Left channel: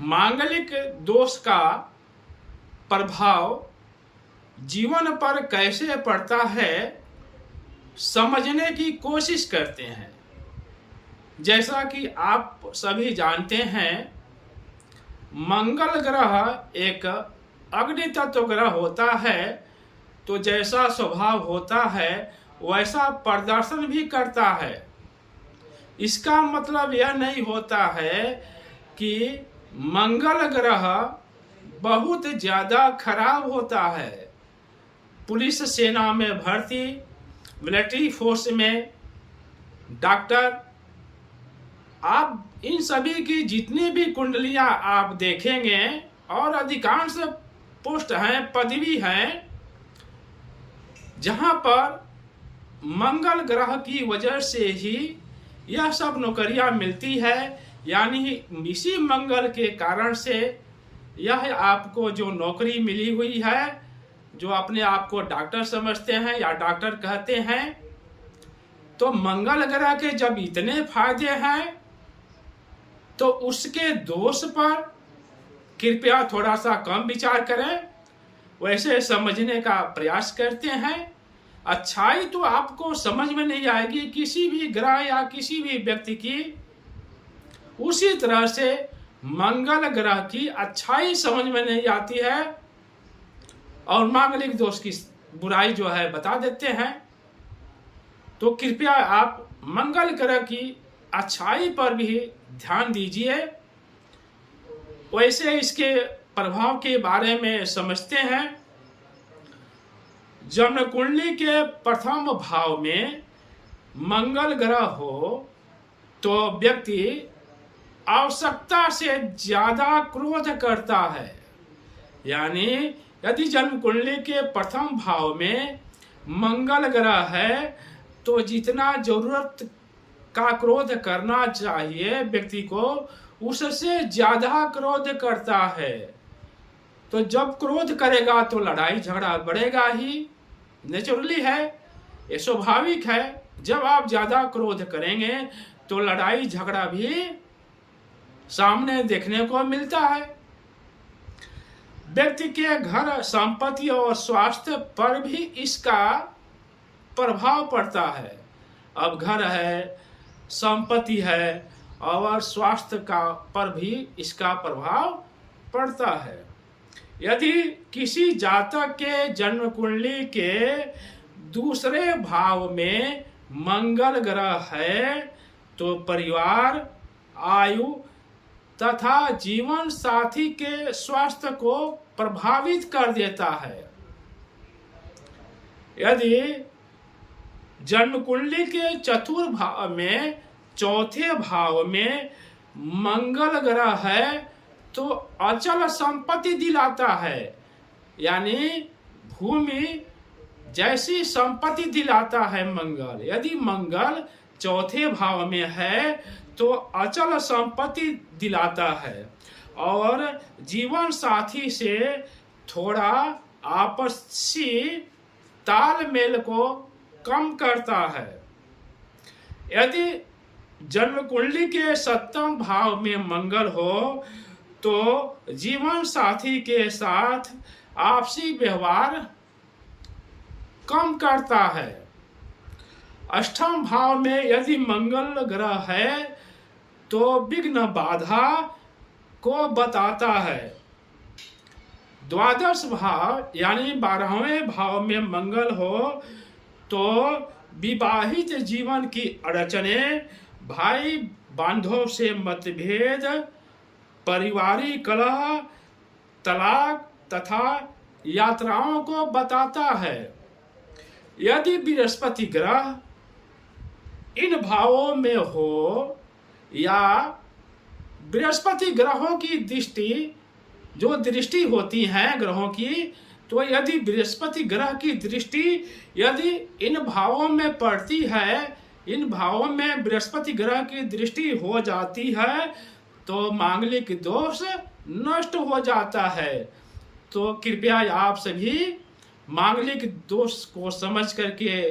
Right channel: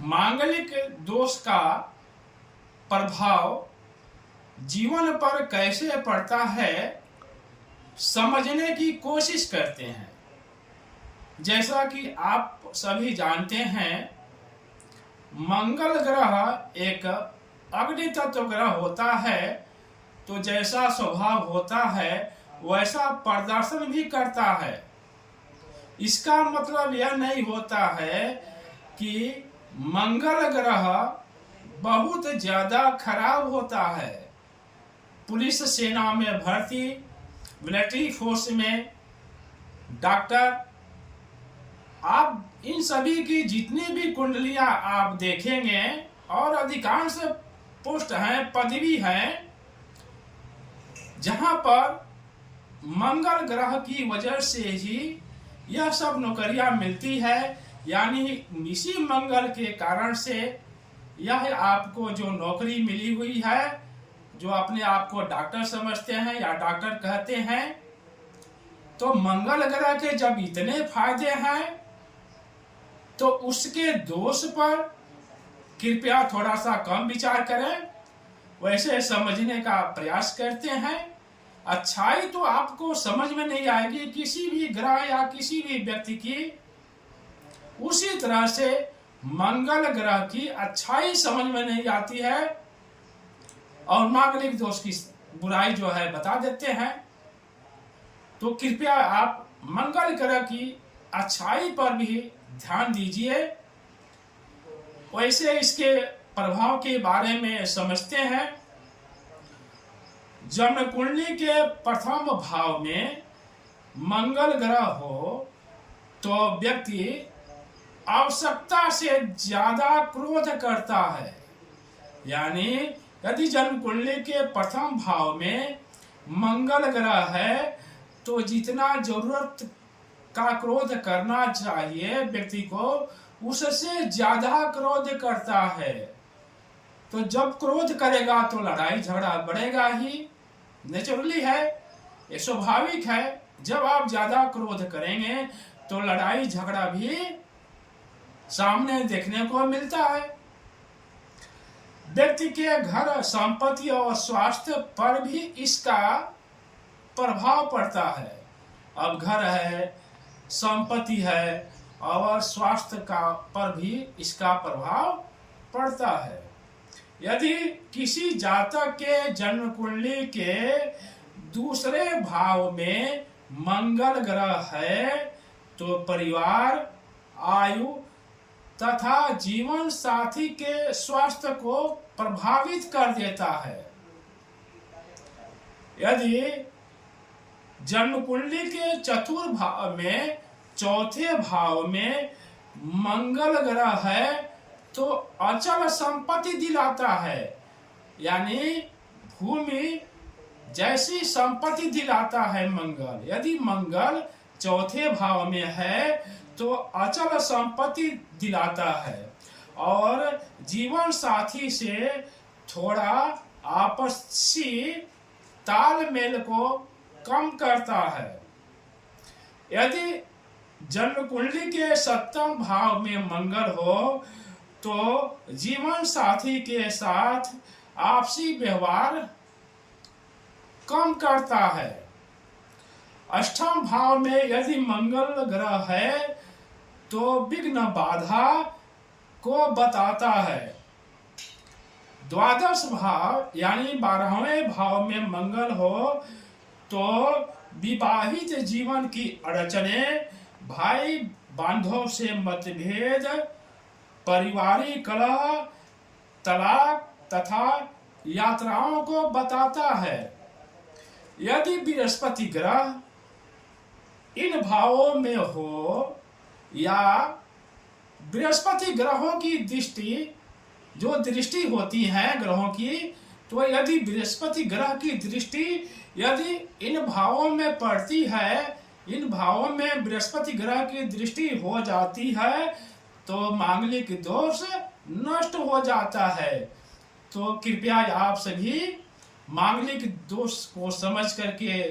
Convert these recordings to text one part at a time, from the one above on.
मांगलिक दोष का प्रभाव जीवन पर कैसे पड़ता है समझने की कोशिश करते हैं। जैसा कि आप सभी जानते हैं, मंगल ग्रह एक अग्नि तत्व ग्रह होता है, तो जैसा स्वभाव होता है वैसा प्रदर्शन भी करता है। इसका मतलब यह नहीं होता है कि मंगल ग्रह बहुत ज्यादा खराब होता है। पुलिस सेना में भर्ती, मिलिट्री फोर्स में डॉक्टर, आप इन सभी की जितनी भी कुंडलियां आप देखेंगे और अधिकांश पोस्ट हैं, पदवी हैं, जहां पर मंगल ग्रह की वजह से ही यह सब नौकरियां मिलती है। यानी इसी मंगल के कारण से यह आपको जो नौकरी मिली हुई है, जो अपने आप को डॉक्टर समझते हैं या डॉक्टर कहते हैं, तो मंगल ग्रह के जब इतने फायदे हैं तो उसके दोष पर कृपया थोड़ा सा कम विचार करें, वैसे समझने का प्रयास करते हैं। अच्छाई तो आपको समझ में नहीं आएगी किसी भी ग्रह या किसी भी व्यक्ति की, उसी तरह से मंगल ग्रह की अच्छाई समझ में नहीं आती है और मांगलिक दोष की बुराई जो है बता देते हैं। तो कृपया आप मंगल ग्रह की अच्छाई पर भी ध्यान दीजिए। वैसे इसके प्रभाव के बारे में समझते हैं। जन्म कुंडली के प्रथम भाव में मंगल ग्रह हो तो व्यक्ति आवश्यकता से ज्यादा क्रोध करता है। यानी यदि जन्म कुंडली के प्रथम भाव में मंगल ग्रह है तो जितना जरूरत का क्रोध करना चाहिए व्यक्ति को, उससे ज्यादा क्रोध करता है। तो जब क्रोध करेगा तो लड़ाई झगड़ा बढ़ेगा ही, नेचुरली है, ये स्वाभाविक है। जब आप ज्यादा क्रोध करेंगे तो लड़ाई झगड़ा भी सामने देखने को मिलता है। व्यक्ति के घर, संपत्ति और स्वास्थ्य पर भी इसका प्रभाव पड़ता है। अब घर है, संपत्ति है और स्वास्थ्य का पर भी इसका प्रभाव पड़ता है। यदि किसी जातक के जन्म कुंडली के दूसरे भाव में मंगल ग्रह है तो परिवार, आयु तथा जीवन साथी के स्वास्थ्य को प्रभावित कर देता है। यदि जन्म कुंडली के चतुर्थ भाव में, चौथे भाव में मंगल ग्रह है तो अचल संपत्ति दिलाता है। यानी भूमि जैसी संपत्ति दिलाता है मंगल। यदि मंगल चौथे भाव में है तो अचल संपत्ति दिलाता है और जीवन साथी से थोड़ा आपसी तालमेल को कम करता है। यदि जन्म कुंडली के सप्तम भाव में मंगल हो तो जीवन साथी के साथ आपसी व्यवहार कम करता है। अष्टम भाव में यदि मंगल ग्रह है तो विघ्न बाधा को बताता है। द्वादश भाव यानी 12वें भाव में मंगल हो तो विवाहित जीवन की अड़चने, भाई बांधव से मतभेद, पारिवारिक कलह, तलाक तथा यात्राओं को बताता है। यदि बृहस्पति ग्रह इन भावों में हो या बृहस्पति ग्रहों की दृष्टि, जो दृष्टि होती है ग्रहों की, तो यदि बृहस्पति ग्रह की दृष्टि यदि इन भावों में पड़ती है, इन भावों में बृहस्पति ग्रह की दृष्टि हो जाती है तो मांगलिक दोष नष्ट हो जाता है। तो कृपया आप सभी मांगलिक दोष को समझ करके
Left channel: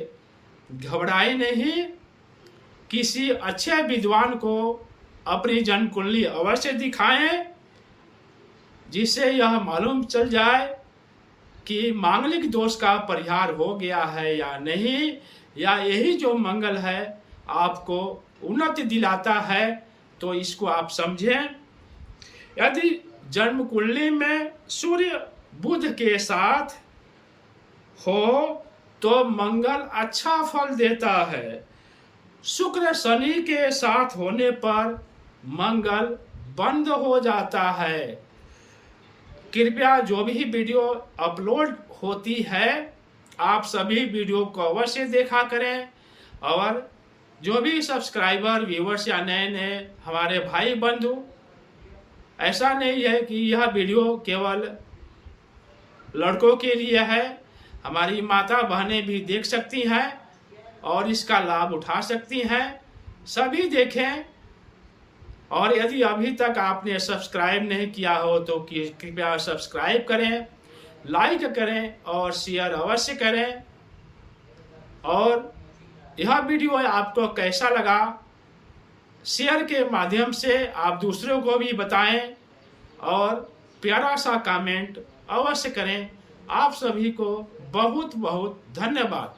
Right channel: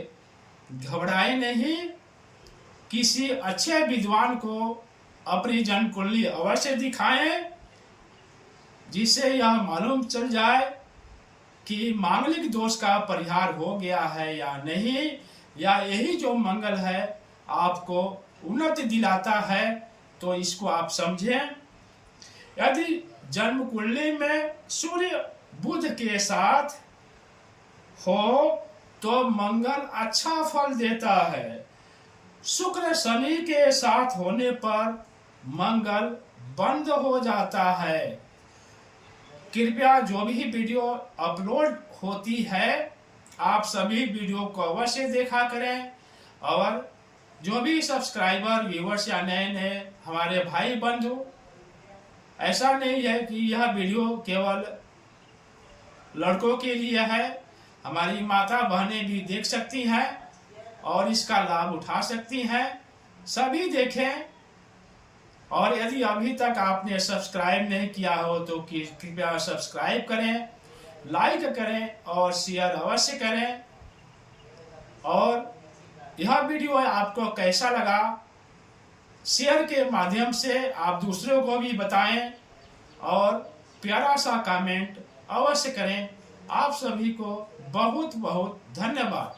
घबराए नहीं। किसी अच्छे विद्वान को अपनी जन्म कुंडली अवश्य दिखाएं जिससे यह मालूम चल जाए कि मांगलिक दोष का परिहार हो गया है या नहीं, या यही जो मंगल है आपको उन्नति दिलाता है। तो इसको आप समझें। यदि जन्म कुंडली में सूर्य बुध के साथ हो तो मंगल अच्छा फल देता है। शुक्र शनि के साथ होने पर मंगल बंद हो जाता है। कृपया जो भी वीडियो अपलोड होती है आप सभी वीडियो को अवश्य देखा करें, और जो भी सब्सक्राइबर व्यूअर्स या नए नए हमारे भाई बंधु, ऐसा नहीं है कि यह वीडियो केवल लड़कों के लिए है, हमारी माता बहनें भी देख सकती हैं और इसका लाभ उठा सकती हैं। सभी देखें, और यदि अभी तक आपने सब्सक्राइब नहीं किया हो तो कृपया सब्सक्राइब करें, लाइक करें और शेयर अवश्य करें। और यह वीडियो आपको कैसा लगा, शेयर के माध्यम से आप दूसरों को भी बताएं और प्यारा सा कमेंट अवश्य करें। आप सभी को बहुत बहुत धन्यवाद।